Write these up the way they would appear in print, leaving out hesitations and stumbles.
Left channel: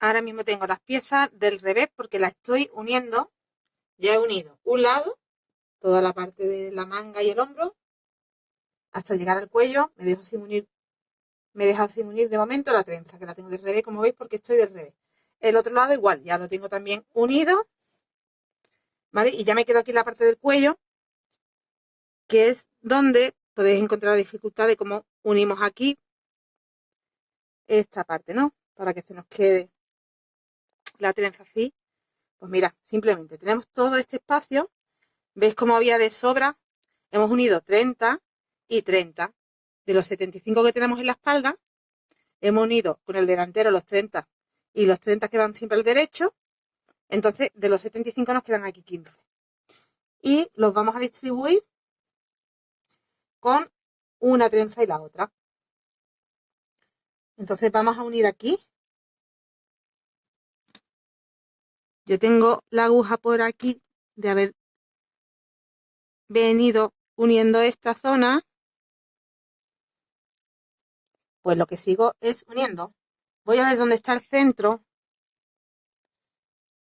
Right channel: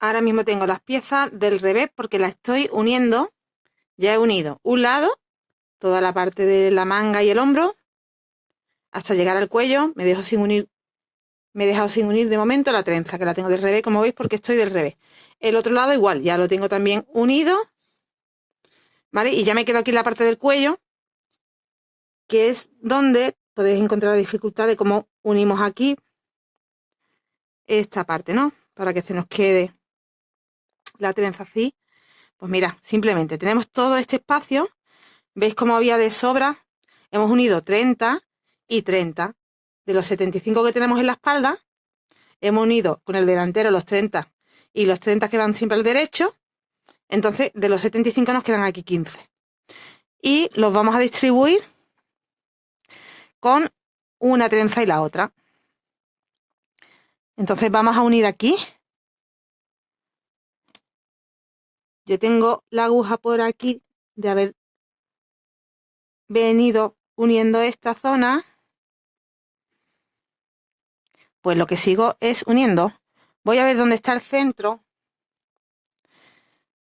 Ahora mismo tengo las piezas del revés porque las estoy uniendo. Ya he unido un lado, toda la parte de la manga y el hombro, hasta llegar al cuello. Me he dejado sin unir de momento la trenza, que la tengo del revés, como veis, porque estoy del revés. El otro lado igual, ya lo tengo también unido, ¿vale? Y ya me quedo aquí en la parte del cuello, que es donde podéis encontrar la dificultad de cómo unimos aquí esta parte, ¿no? Para que se nos quede la trenza así. Pues mira, simplemente tenemos todo este espacio. ¿Veis cómo había de sobra? Hemos unido 30 y 30. De los 75 que tenemos en la espalda, hemos unido con el delantero los 30 y los 30 que van siempre al derecho. Entonces, de los 75 nos quedan aquí 15. Y los vamos a distribuir con una trenza y la otra. Entonces vamos a unir aquí. Yo tengo la aguja por aquí de haber venido uniendo esta zona. Pues lo que sigo es uniendo. Voy a ver dónde está el centro.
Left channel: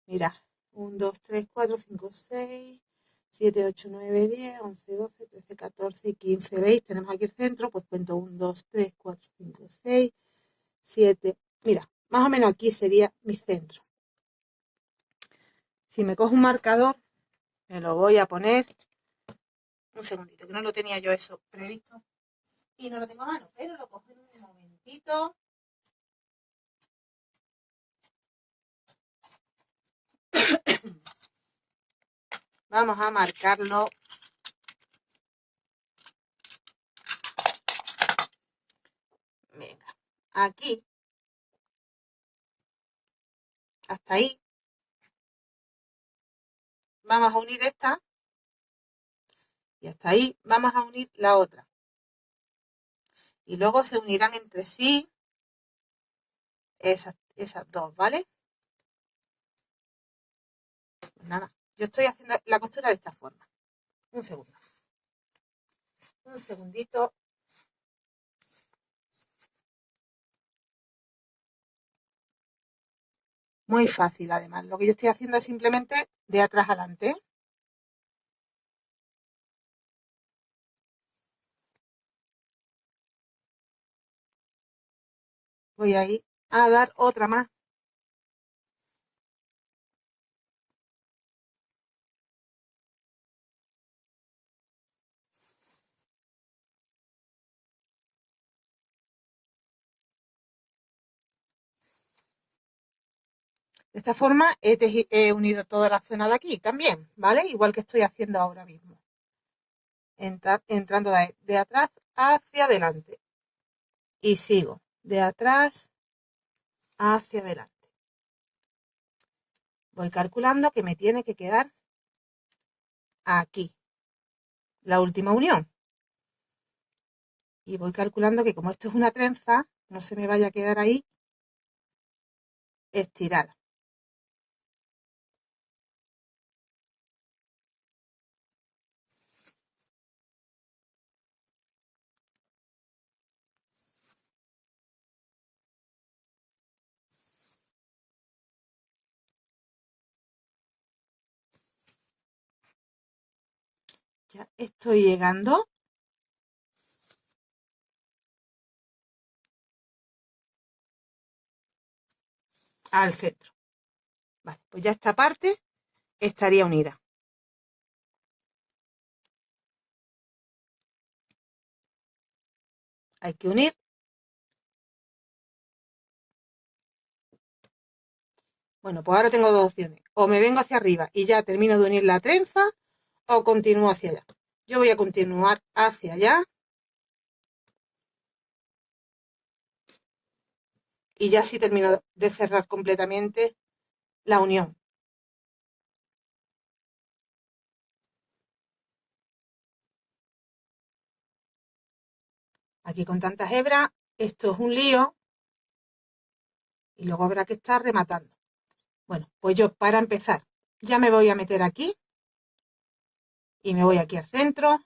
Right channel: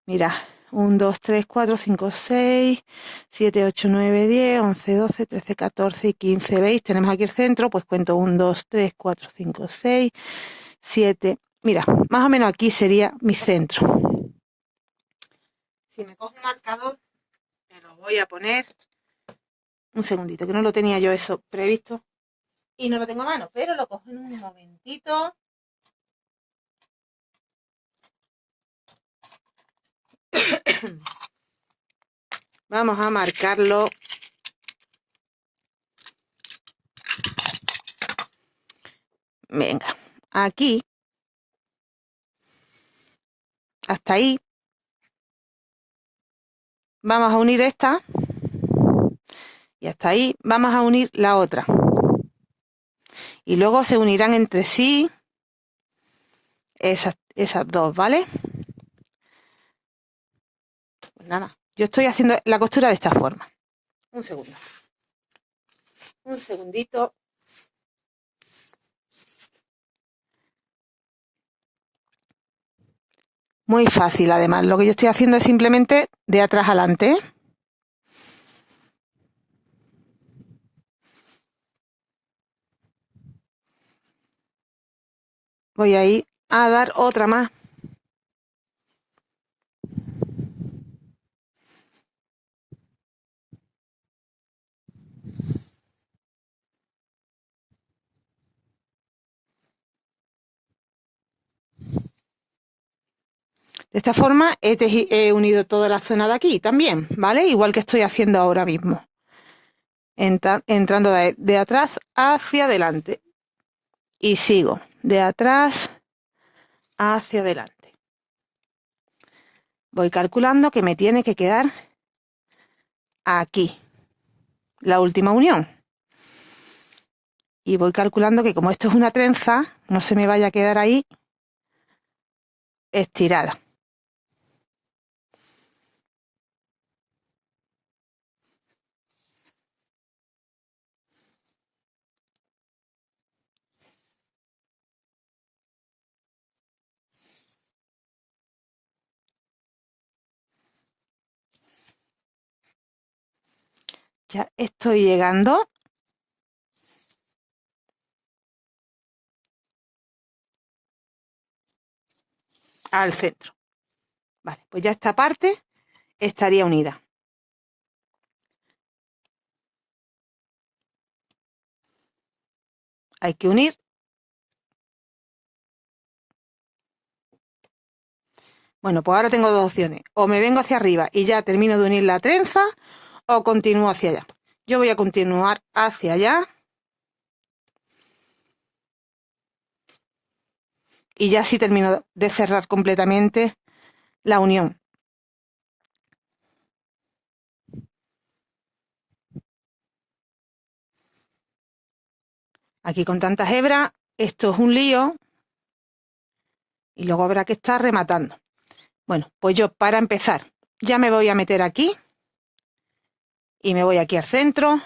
Mira, 1, 2, 3, 4, 5, 6, 7, 8, 9, 10, 11, 12, 13, 14 y 15. ¿Veis? Tenemos aquí el centro, pues cuento 1, 2, 3, 4, 5, 6, 7. Mira, más o menos aquí sería mi centro. Si me cojo un marcador, me lo voy a poner. Un segundito, que no lo tenía yo eso previsto. Y no lo tengo a mano, pero lo cojo en un momentito. Vamos a marcarlo. Venga, aquí. Hasta ahí. Vamos a unir esta. Y hasta ahí vamos a unir la otra. Y luego se unirán entre sí esas dos, ¿vale? Pues nada, yo estoy haciendo la costura de esta forma. Un segundo. Un segundito. Muy fácil, además. Lo que yo estoy haciendo es simplemente de atrás adelante. Voy a ir a dar otra más. De esta forma he unido toda la zona de aquí también, ¿vale? Igual que estoy haciendo ahora mismo. Entrando de atrás hacia adelante. Y sigo de atrás hacia adelante. Voy calculando que me tiene que quedar aquí la última unión. Y voy calculando que como esto es una trenza, no se me vaya a quedar ahí estirada. Ya estoy llegando al centro. Vale, pues ya esta parte estaría unida. Hay que unir. Bueno, pues ahora tengo dos opciones. O me vengo hacia arriba y ya termino de unir la trenza, o continúo hacia allá. Yo voy a continuar hacia allá. Y ya sí termino de cerrar completamente la unión. Aquí con tantas hebras, esto es un lío. Y luego habrá que estar rematando. Bueno, pues yo para empezar ya me voy a meter aquí. Y me voy aquí al centro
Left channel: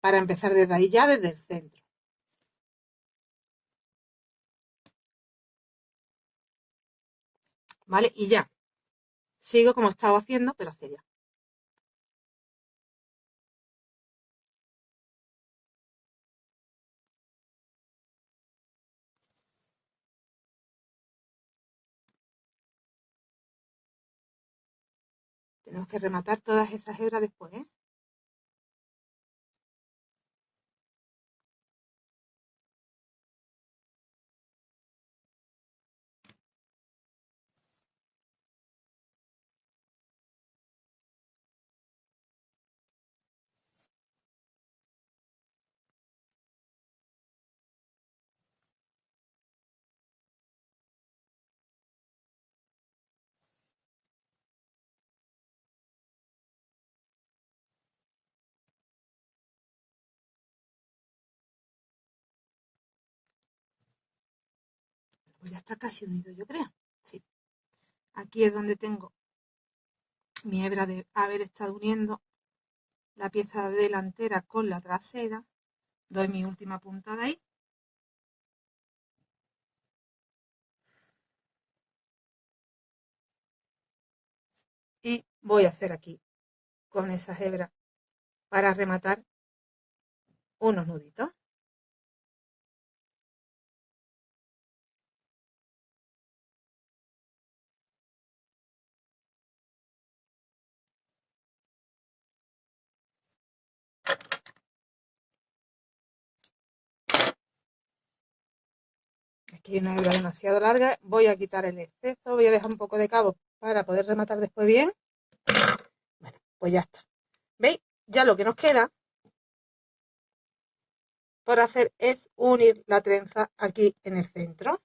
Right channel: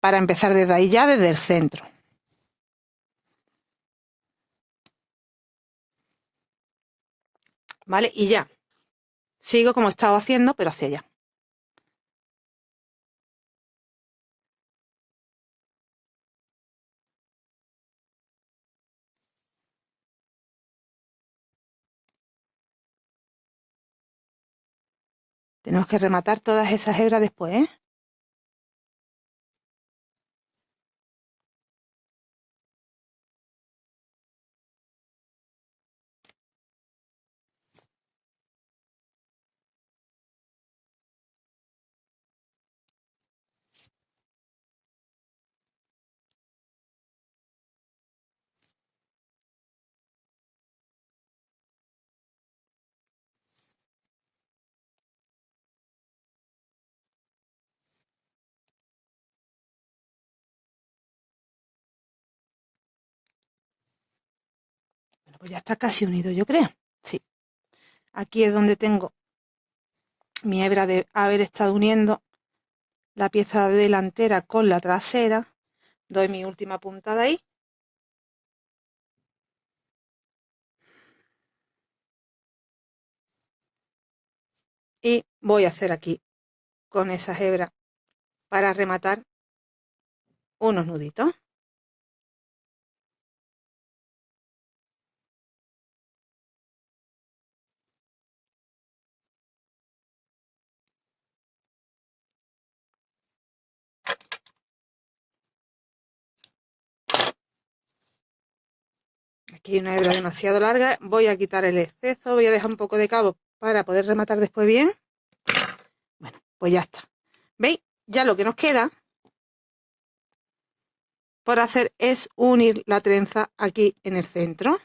para empezar desde ahí ya, desde el centro. ¿vale? Y ya, sigo como he estado haciendo, pero hacia allá. Tenemos que rematar todas esas hebras después, ¿eh? Bueno, pues ya está casi unido, yo creo. Sí. Aquí es donde tengo mi hebra de haber estado uniendo la pieza delantera con la trasera. Doy mi última puntada ahí. Y voy a hacer aquí con esas hebras para rematar unos nuditos. Aquí hay una hebra demasiado larga, voy a quitar el exceso, voy a dejar un poco de cabo para poder rematar después bien. Bueno, pues ya está. ¿Veis? Ya lo que nos queda por hacer es unir la trenza aquí en el centro.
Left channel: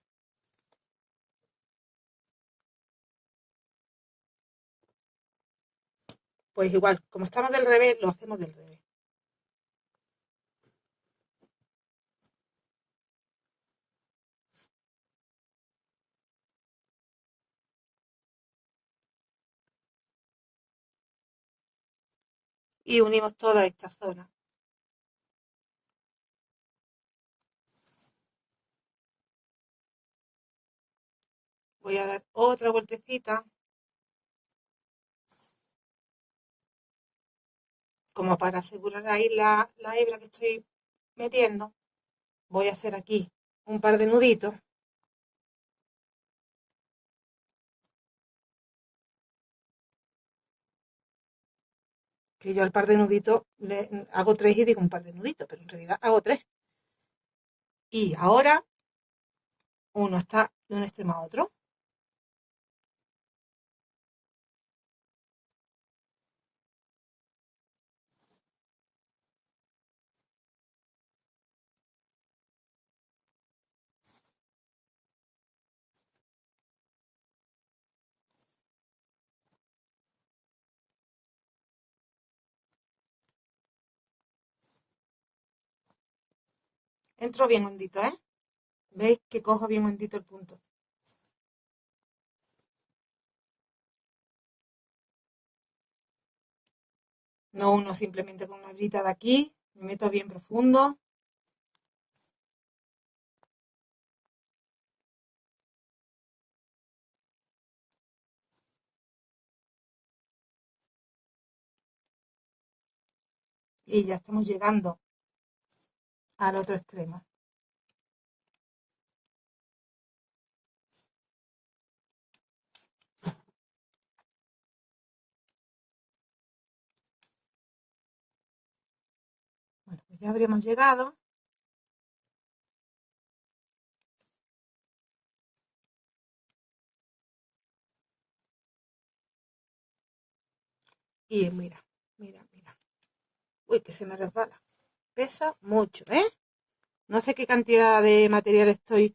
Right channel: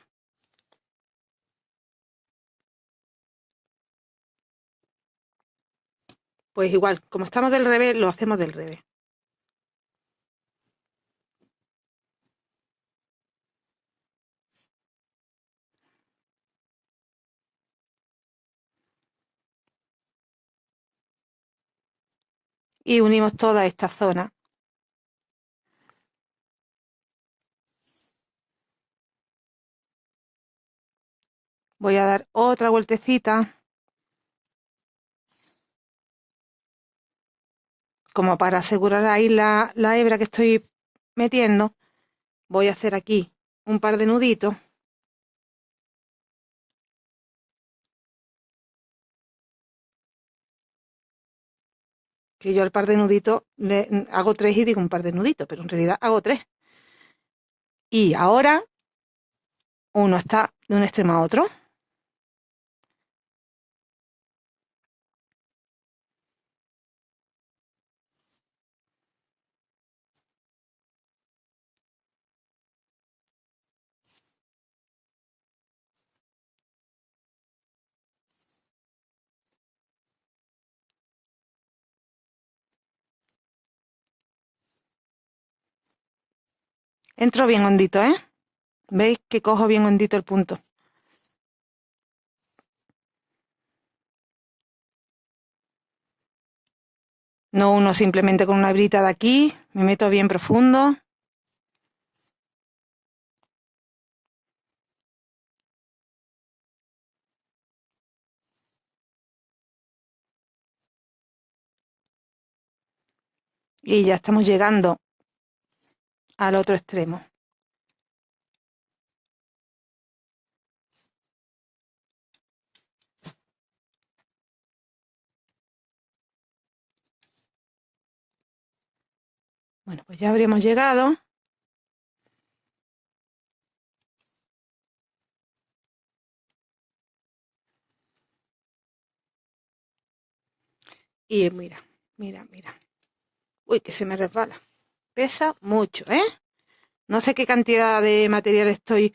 Pues igual, como estamos del revés, lo hacemos del revés. Y unimos toda esta zona. Voy a dar otra vueltecita, como para asegurar ahí la hebra que estoy metiendo. Voy a hacer aquí un par de nuditos. Que yo al par de nuditos le hago 3 y digo un par de nuditos, pero en realidad hago 3. Y ahora uno está de un extremo a otro. Entro bien hondito, ¿eh? ¿Veis que cojo bien hondito el punto? No uno simplemente con una hebrita de aquí, me meto bien profundo. Y ya estamos llegando al otro extremo. Bueno, pues ya habríamos llegado. Y mira, mira, mira. Uy, que se me resbala. Pesa mucho, ¿eh? No sé qué cantidad de material estoy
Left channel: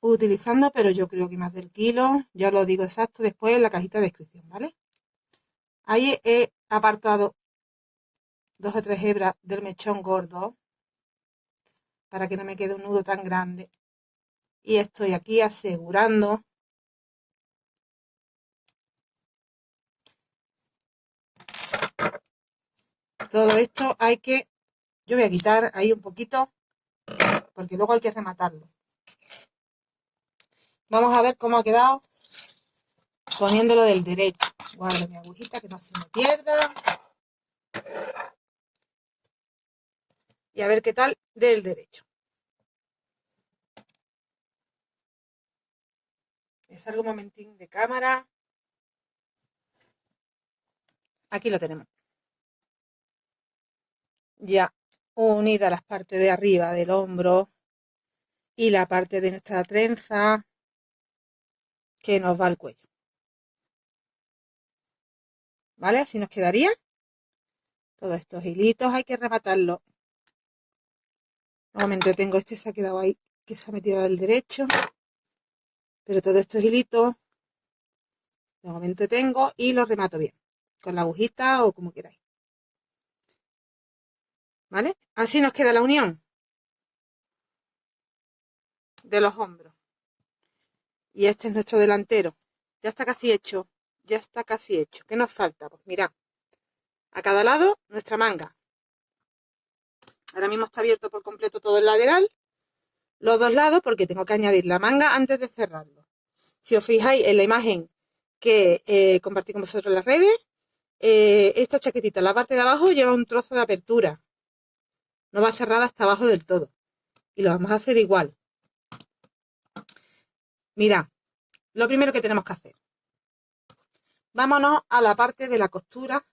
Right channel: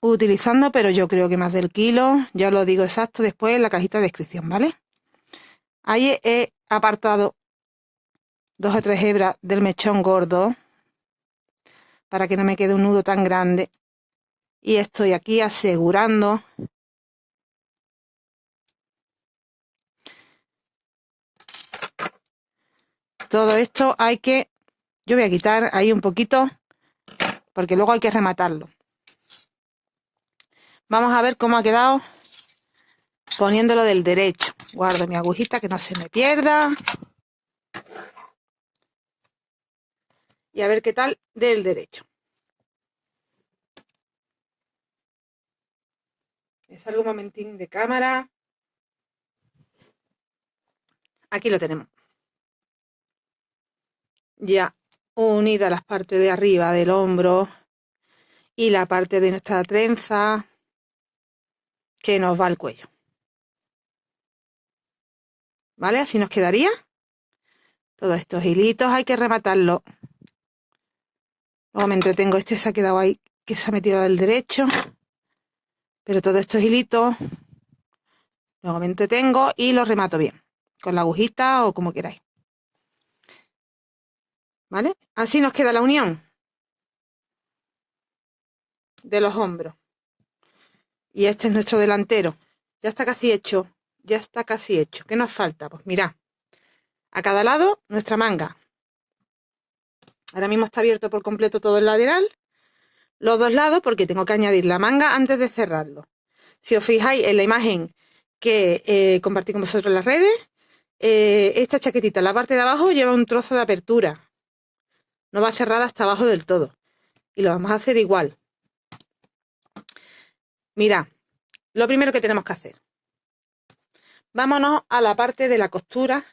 utilizando, pero yo creo que más del kilo. Ya os lo digo exacto después en la cajita de descripción, ¿vale? Ahí he apartado 2 o 3 hebras del mechón gordo para que no me quede un nudo tan grande. Y estoy aquí asegurando todo esto. Yo voy a quitar ahí un poquito porque luego hay que rematarlo. Vamos a ver cómo ha quedado poniéndolo del derecho. Guardo mi agujita que no se me pierda. Y a ver qué tal del derecho. Me salgo un momentín de cámara. Aquí lo tenemos. Ya unidas las partes de arriba del hombro y la parte de nuestra trenza que nos va al cuello. ¿Vale? Así nos quedaría. Todos estos hilitos hay que rematarlos. Nuevamente tengo este, se ha quedado ahí, que se ha metido del derecho. Pero todos estos hilitos nuevamente tengo y los remato bien. Con la agujita o como queráis. ¿Vale? Así nos queda la unión de los hombros. Y este es nuestro delantero. Ya está casi hecho. Ya está casi hecho. ¿Qué nos falta? Pues mirad. A cada lado nuestra manga. Ahora mismo está abierto por completo todo el lateral. Los dos lados porque tengo que añadir la manga antes de cerrarlo. Si os fijáis en la imagen que compartí con vosotros en las redes, esta chaquetita en la parte de abajo lleva un trozo de apertura. No va cerrada hasta abajo del todo. Y lo vamos a hacer igual. Mirad, lo primero que tenemos que hacer. Vámonos a la parte de la costura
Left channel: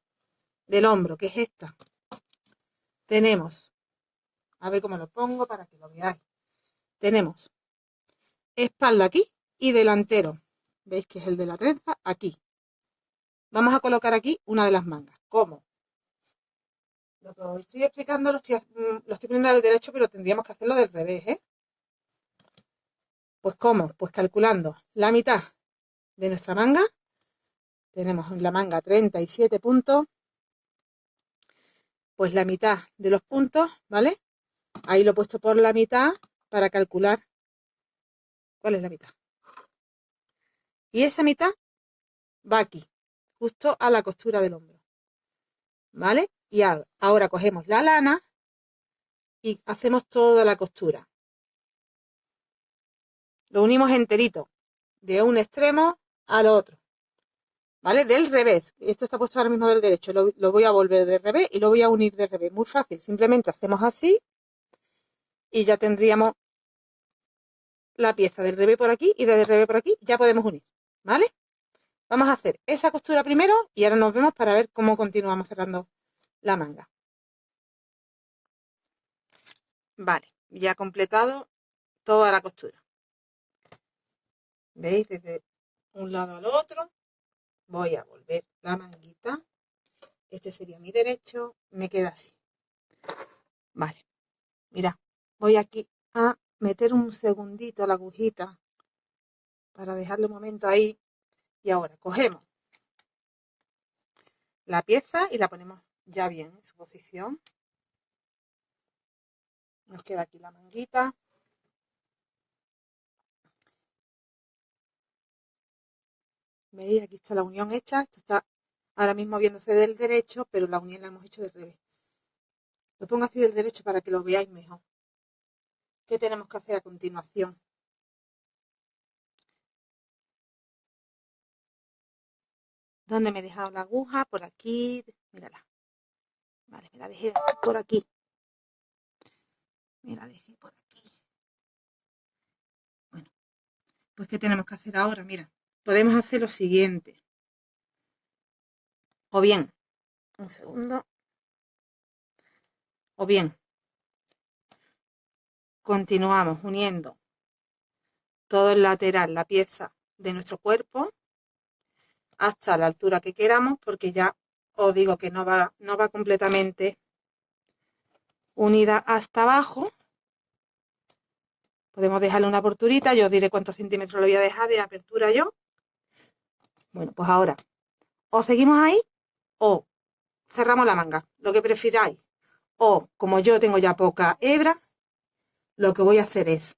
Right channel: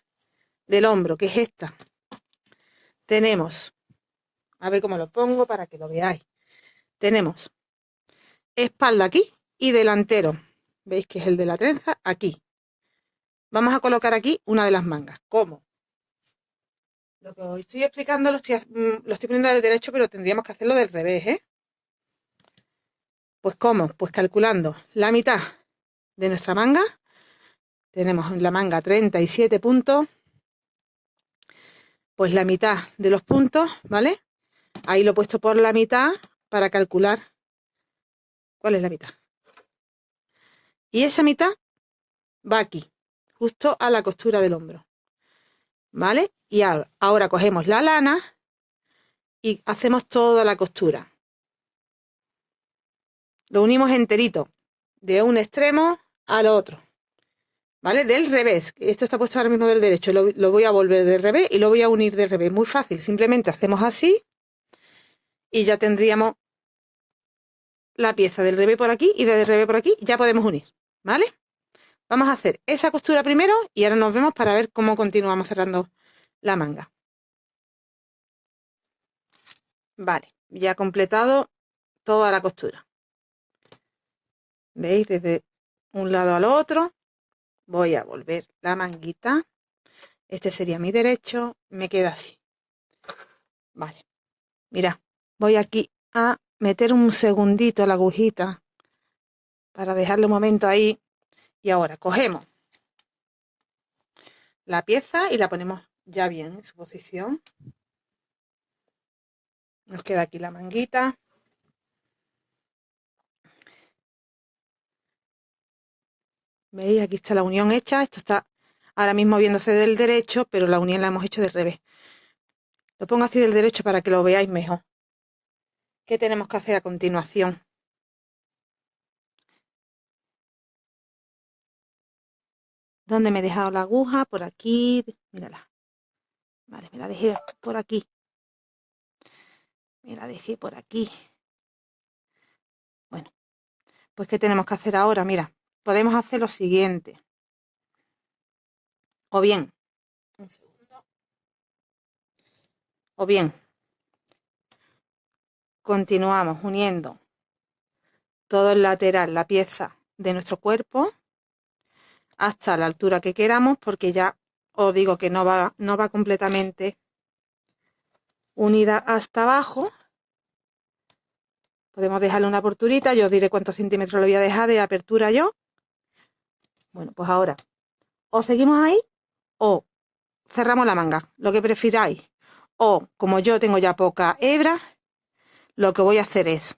del hombro, que es esta. Tenemos, a ver cómo lo pongo para que lo veáis. Tenemos espalda aquí y delantero. ¿Veis que es el de la trenza? Aquí. Vamos a colocar aquí una de las mangas. ¿Cómo? Lo que os estoy explicando lo estoy poniendo al derecho, pero tendríamos que hacerlo del revés, ¿eh? Pues ¿cómo? Pues calculando la mitad de nuestra manga. Tenemos en la manga 37 puntos. Pues la mitad de los puntos, ¿vale? Ahí lo he puesto por la mitad para calcular cuál es la mitad. Y esa mitad va aquí, justo a la costura del hombro. ¿Vale? Y ahora cogemos la lana y hacemos toda la costura. Lo unimos enterito, de un extremo al otro. ¿Vale? Del revés. Esto está puesto ahora mismo del derecho. Lo voy a volver del revés y lo voy a unir del revés. Muy fácil. Simplemente hacemos así y ya tendríamos la pieza del revés por aquí y del revés por aquí. Ya podemos unir. ¿Vale? Vamos a hacer esa costura primero y ahora nos vemos para ver cómo continuamos cerrando la manga. Vale, ya he completado toda la costura. ¿Veis? Desde un lado al otro voy a volver la manguita. Este sería mi derecho. Me queda así. Vale, mira, voy aquí a meter un segundito la agujita para dejarle un momento ahí. Y ahora cogemos la pieza y la ponemos ya bien en su posición. Nos queda aquí la manguita. ¿Veis? Aquí está la unión hecha. Esto está ahora mismo viéndose del derecho, pero la unión la hemos hecho del revés. Lo pongo así del derecho para que lo veáis mejor. ¿Qué tenemos que hacer a continuación? ¿Dónde me he dejado la aguja? Por aquí. Mírala. Vale, me la dejé por aquí. Me la dejé por aquí. Bueno, pues ¿qué tenemos que hacer ahora? Mira, podemos hacer lo siguiente. O bien, un segundo. O bien, continuamos uniendo todo el lateral, la pieza de nuestro cuerpo, hasta la altura que queramos, porque ya os digo que no va completamente unida hasta abajo. Podemos dejarle una aperturita, yo os diré cuántos centímetros le voy a dejar de apertura yo. Bueno, pues ahora, o seguimos ahí o cerramos la manga, lo que prefiráis. O, como yo tengo ya poca hebra, lo que voy a hacer es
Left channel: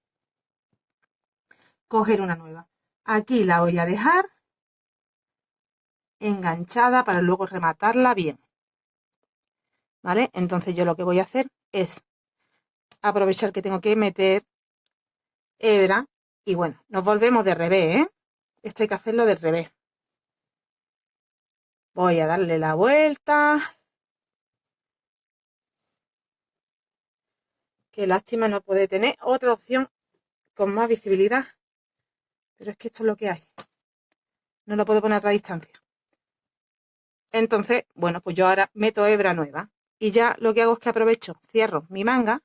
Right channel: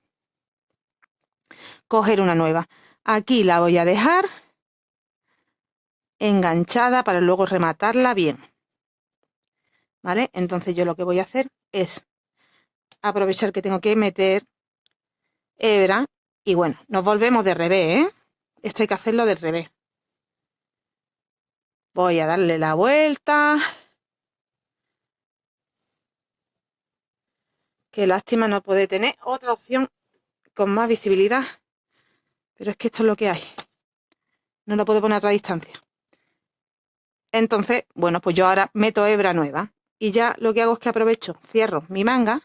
coger una nueva. Aquí la voy a dejar enganchada para luego rematarla bien. ¿Vale? Entonces yo lo que voy a hacer es aprovechar que tengo que meter hebra Y bueno, nos volvemos de revés, ¿eh? Esto hay que hacerlo del revés. Voy a darle la vuelta. Qué lástima no poder tener otra opción con más visibilidad. Pero es que esto es lo que hay. No lo puedo poner a otra distancia. Entonces, bueno, pues yo ahora meto hebra nueva. Y ya lo que hago es que aprovecho, cierro mi manga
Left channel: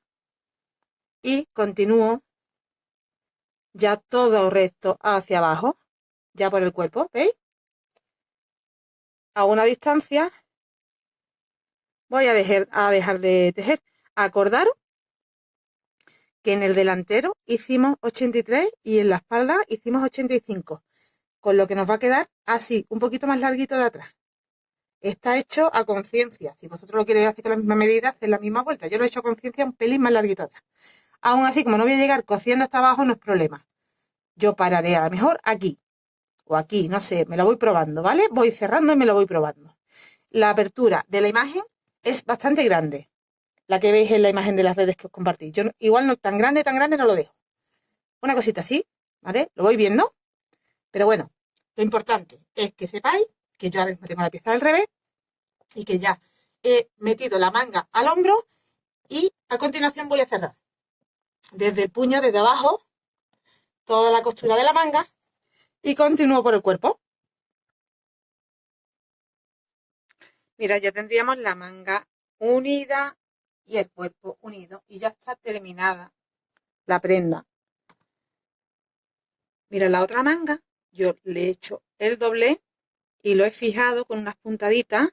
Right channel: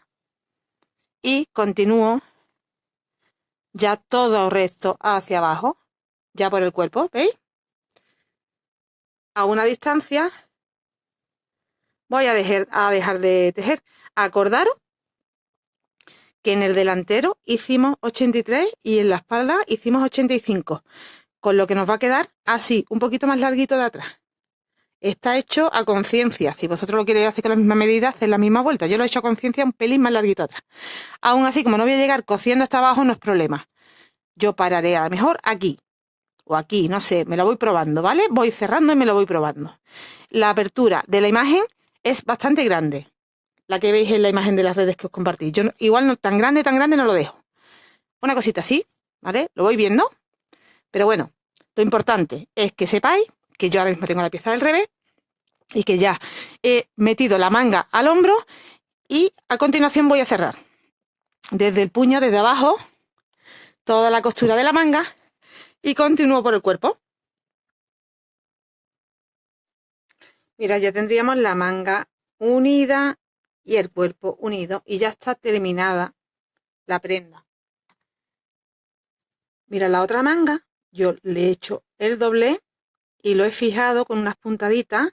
y continúo ya todo recto hacia abajo, ya por el cuerpo, ¿veis? A una distancia voy a dejar de tejer. Acordaros que en el delantero hicimos 83 y en la espalda hicimos 85, con lo que nos va a quedar así, un poquito más larguito de atrás. Está hecho a conciencia. Si vosotros lo queréis hacer con la misma medida, haced la misma vuelta. Yo lo he hecho a conciencia un pelín más larguito atrás. Aún así, como no voy a llegar cosiendo hasta abajo, no es problema. Yo pararé a lo mejor aquí o aquí, no sé, me lo voy probando, ¿vale? Voy cerrando y me lo voy probando. La apertura de la imagen es bastante grande, la que veis en la imagen de las redes que os compartí. Yo igual no tan grande no lo dejo. Una cosita así, ¿vale? Lo voy viendo, pero bueno, lo importante es que sepáis que yo ahora mismo tengo la pieza del revés y que ya he metido la manga al hombro y a continuación voy a cerrar desde el puño, desde abajo, toda la costura de la manga y continúo por el cuerpo. Mira, ya tendríamos la manga unida y el cuerpo unido y ya está terminada la prenda. Mira, la otra manga yo le he hecho el doblez y lo he fijado con unas puntaditas,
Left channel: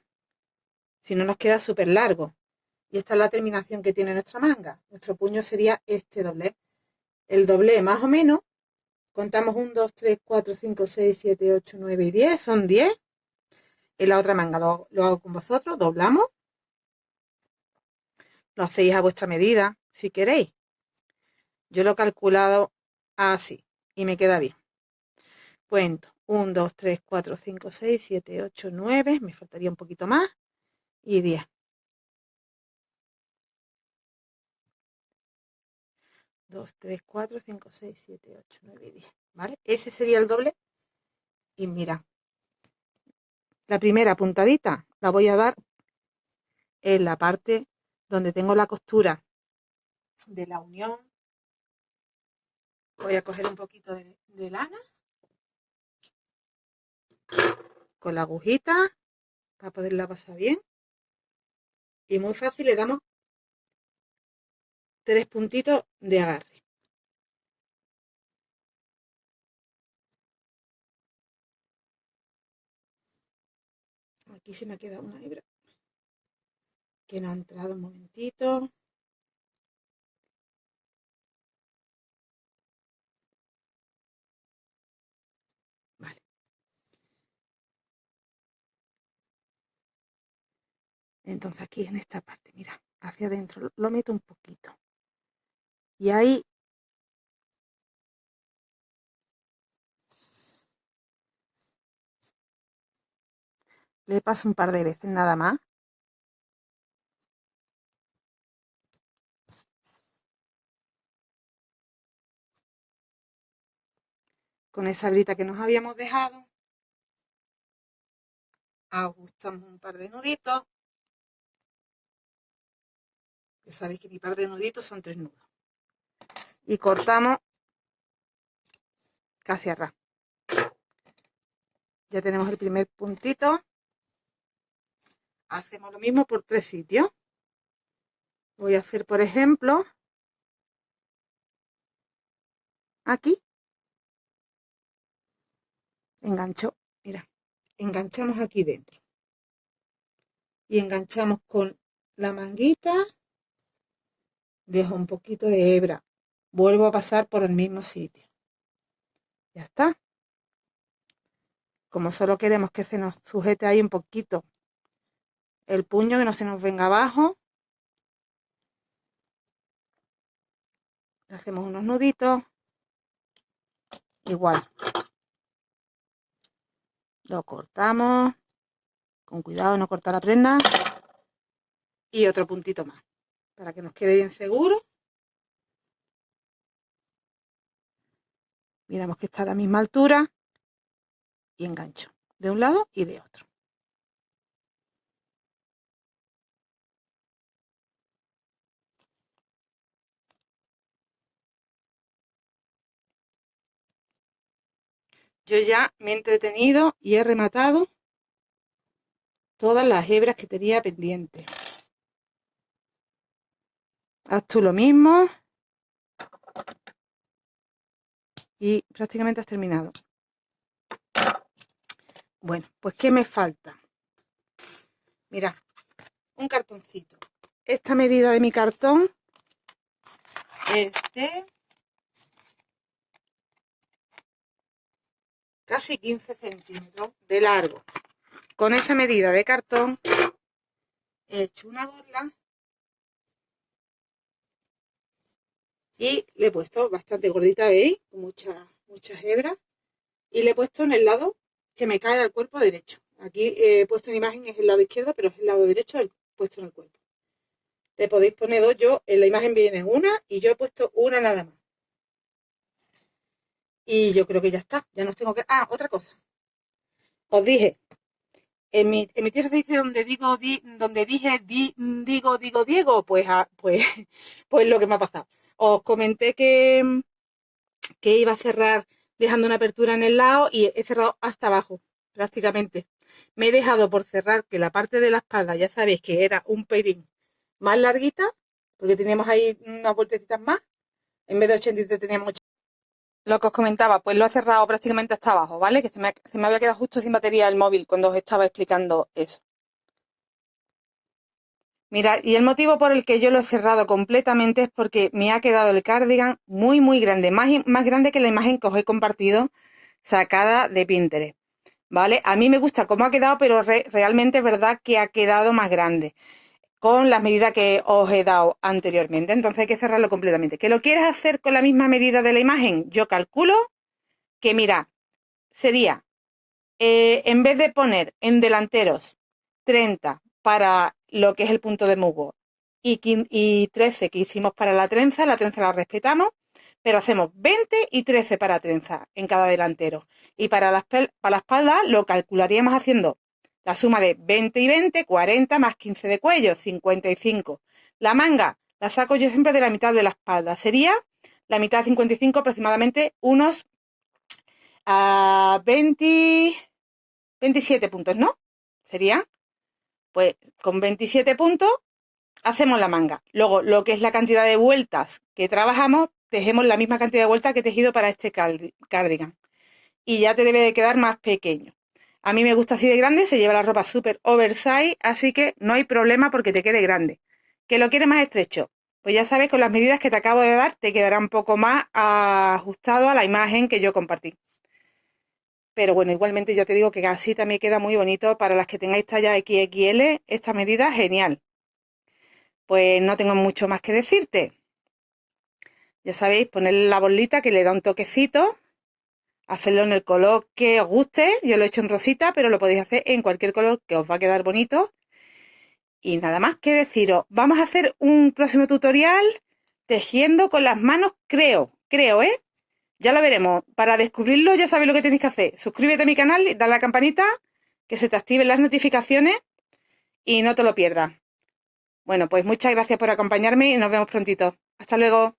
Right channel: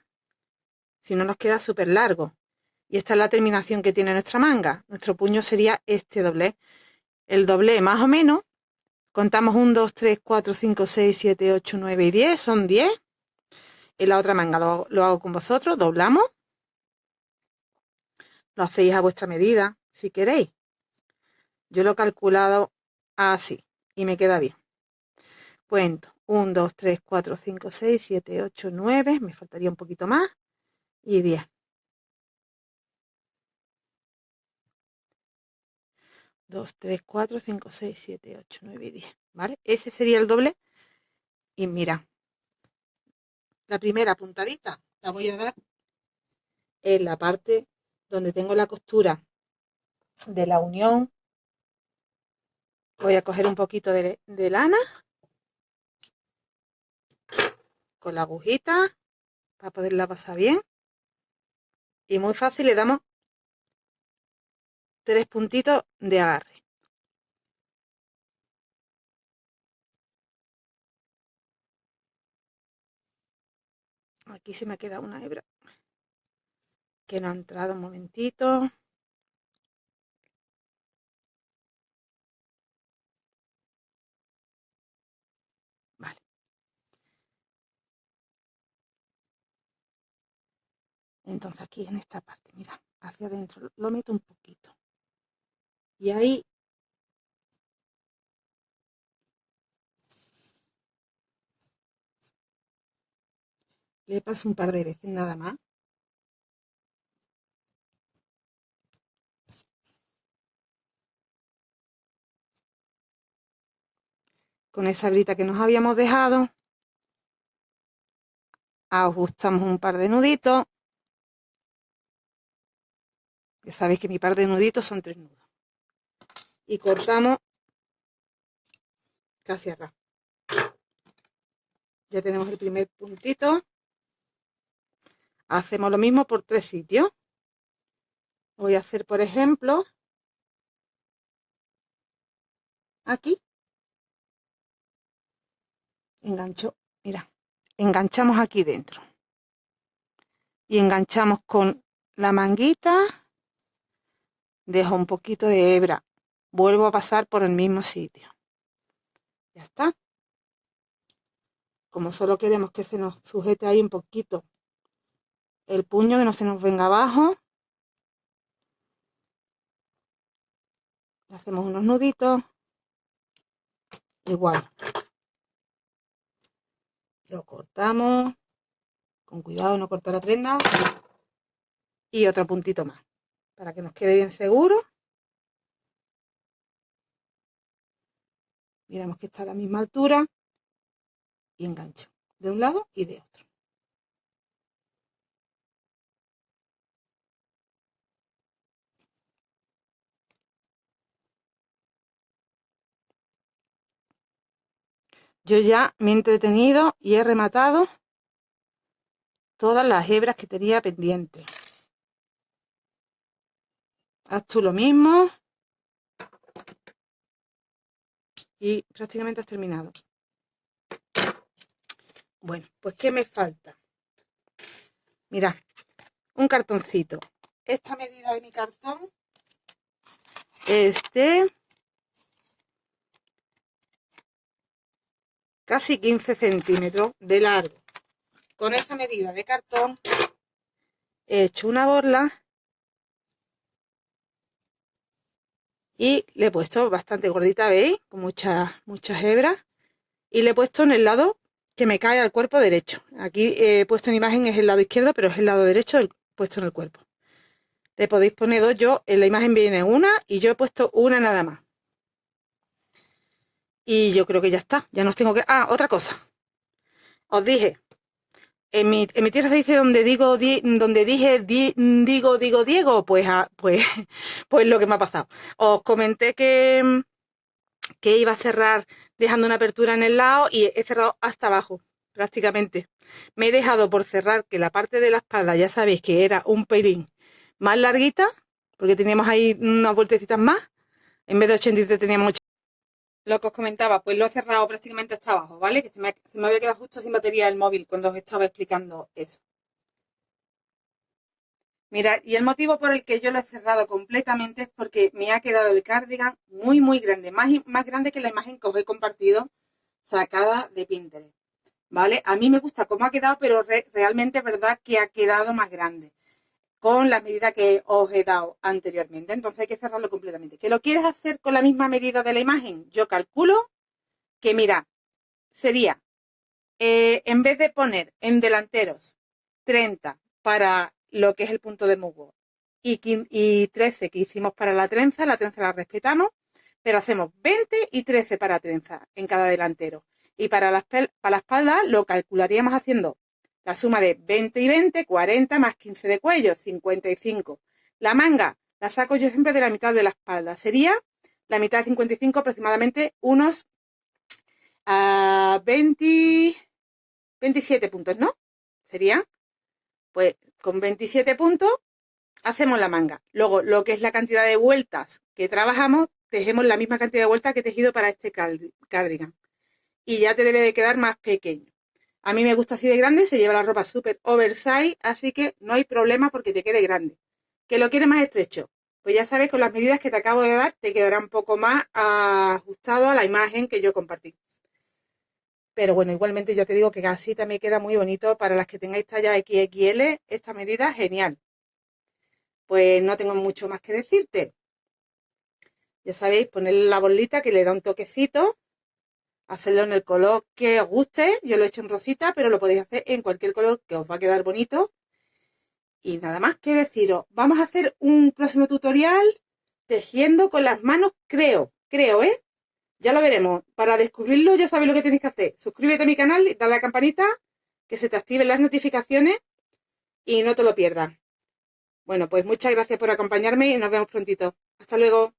si no nos queda súper largo. Y esta es la terminación que tiene nuestra manga. Nuestro puño sería este doblez. El doblez más o menos, contamos 1, 2, 3, 4, 5, 6, 7, 8, 9 y 10, son 10. En la otra manga lo hago con vosotros, doblamos. Lo hacéis a vuestra medida, si queréis. Yo lo he calculado así y me queda bien. Cuento 1, 2, 3, 4, 5, 6, 7, 8, 9. Me faltaría un poquito más. Y 10. 2, 3, 4, 5, 6, 7, 8, 9 y 10. ¿Vale? Ese sería el doble. Y mira, la primera puntadita la voy a dar en la parte donde tengo la costura de la unión. Voy a coger un poquito de lana con la agujita para poderla pasar bien. Y muy fácil, le damos 3 puntitos de agarre. Aquí se me queda una hebra que no ha entrado un momentito. Vale. Entonces aquí en esta parte, mira, hacia adentro, lo meto un poquito. Y ahí le paso un par de veces nada más. Con esa brita que nos habíamos dejado, ajustamos un par de nuditos. Ya sabéis que mi par de nuditos son 3 nudos. Y cortamos casi a ras. Ya tenemos el primer puntito. Hacemos lo mismo por 3 sitios. Voy a hacer, por ejemplo, aquí. Engancho, mira, enganchamos aquí dentro. Y enganchamos con la manguita. Dejo un poquito de hebra. Vuelvo a pasar por el mismo sitio. Ya está. Como solo queremos que se nos sujete ahí un poquito el puño, que no se nos venga abajo, le hacemos unos nuditos. Igual. Lo cortamos. Con cuidado de no cortar la prenda. Y otro puntito más. Para que nos quede bien seguro. Miramos que está a la misma altura y engancho de un lado y de otro. Yo ya me he entretenido y he rematado todas las hebras que tenía pendientes. Haz tú lo mismo y prácticamente has terminado. Bueno, pues ¿qué me falta? Mira, un cartoncito. Esta medida de mi cartón es de casi 15 centímetros de largo. Con esa medida de cartón he hecho una borla y le he puesto bastante gordita, ¿veis? Con muchas hebras. Y le he puesto en el lado que me cae al cuerpo derecho. Aquí he puesto en imagen es el lado izquierdo, pero es el lado derecho puesto en el cuerpo. Le podéis poner dos, yo en la imagen viene una y yo he puesto una nada más. Y yo creo que ya está, ya nos tengo que... Ah, otra cosa. Os dije, en mi tierra se dice donde digo, donde dije, digo, Diego, pues, pues lo que me ha pasado. Os comenté que iba a cerrar dejando una apertura en el lado y he cerrado hasta abajo, prácticamente. Me he dejado por cerrar que la parte de la espalda, ya sabéis que era un pelín más larguita, porque teníamos ahí unas vueltecitas más. En vez de 83 teníamos 80. Lo que os comentaba, pues lo he cerrado prácticamente hasta abajo, ¿vale? Que se me había quedado justo sin batería el móvil cuando os estaba explicando eso. Mira, y el motivo por el que yo lo he cerrado completamente es porque me ha quedado el cardigan muy grande, más grande que la imagen que os he compartido sacada de Pinterest, ¿vale? A mí me gusta cómo ha quedado, pero realmente es verdad que ha quedado más grande con las medidas que os he dado anteriormente. Entonces hay que cerrarlo completamente. ¿Que lo quieres hacer con la misma medida de la imagen? Yo calculo que, mira, sería, en vez de poner en delanteros 30 para lo que es el punto de musgo y 13 que hicimos para la trenza la respetamos, pero hacemos 20 y 13 para trenza en cada delantero. Y para la espalda lo calcularíamos haciendo la suma de 20 y 20, 40 más 15 de cuello, 55. La manga la saco yo siempre de la mitad de la espalda. Sería la mitad de 55, aproximadamente unos 20, 27 puntos, ¿no? Sería, pues con 27 puntos hacemos la manga. Luego, lo que es la cantidad de vueltas que trabajamos, tejemos la misma cantidad de vueltas que he tejido para este cardigan. Y ya te debe de quedar más pequeño. A mí me gusta así de grande, se lleva la ropa súper oversize, así que no hay problema porque te quede grande. ¿Que lo quieres más estrecho? Pues ya sabes, con las medidas que te acabo de dar, te quedará un poco más ajustado a la imagen que yo compartí. Pero bueno, igualmente ya te digo que así también queda muy bonito. Para las que tengáis talla XXL, esta medida genial. Pues no tengo mucho más que decirte. Ya sabéis, ponerle la bolita que le da un toquecito, hacerlo en el color que os guste. Yo lo he hecho en rosita, pero lo podéis hacer en cualquier color que os va a quedar bonito. Y nada más que deciros, vamos a hacer un próximo tutorial tejiendo con las manos, creo, ¿eh? Ya lo veremos. Para descubrirlo ya sabéis lo que tenéis que hacer. Suscríbete a mi canal y dale a la campanita, que se te activen las notificaciones y no te lo pierdas. Bueno, pues muchas gracias por acompañarme y nos vemos prontito. Hasta luego.